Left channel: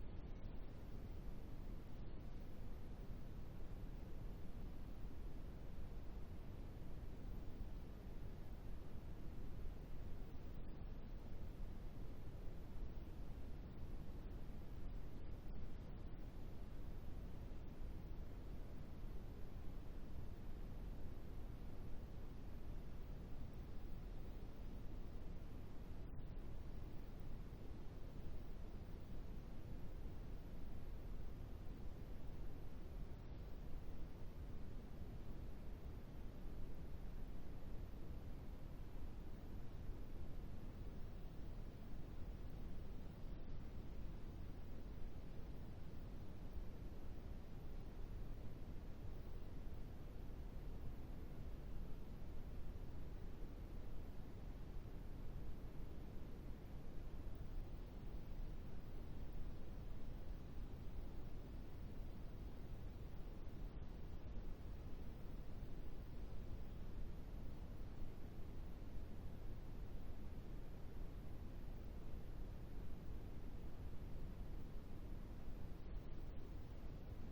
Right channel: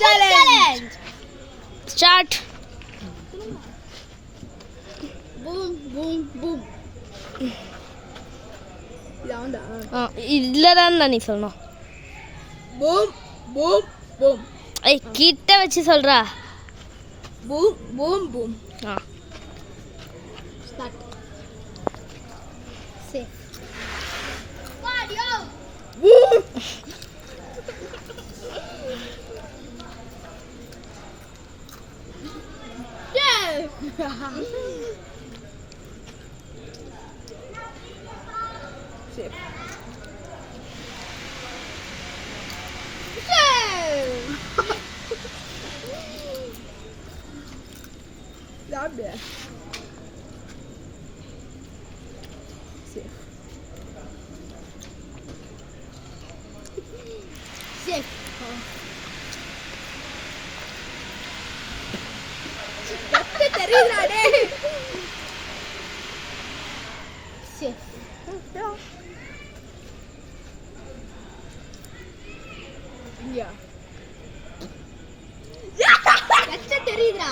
challenge. Start. Boom, boom, boom. இதில் தான் நீ சொல்லணும். Boom, boom, boom. ஏய் கிட்ட வச்சு சொல்கிறா. Boom, boom, boom. Start. Safe. Boom. Safe. Not bad. Safe. Safe. தெரியுதா டேய்? Safe. Yeah. தெரியுதா?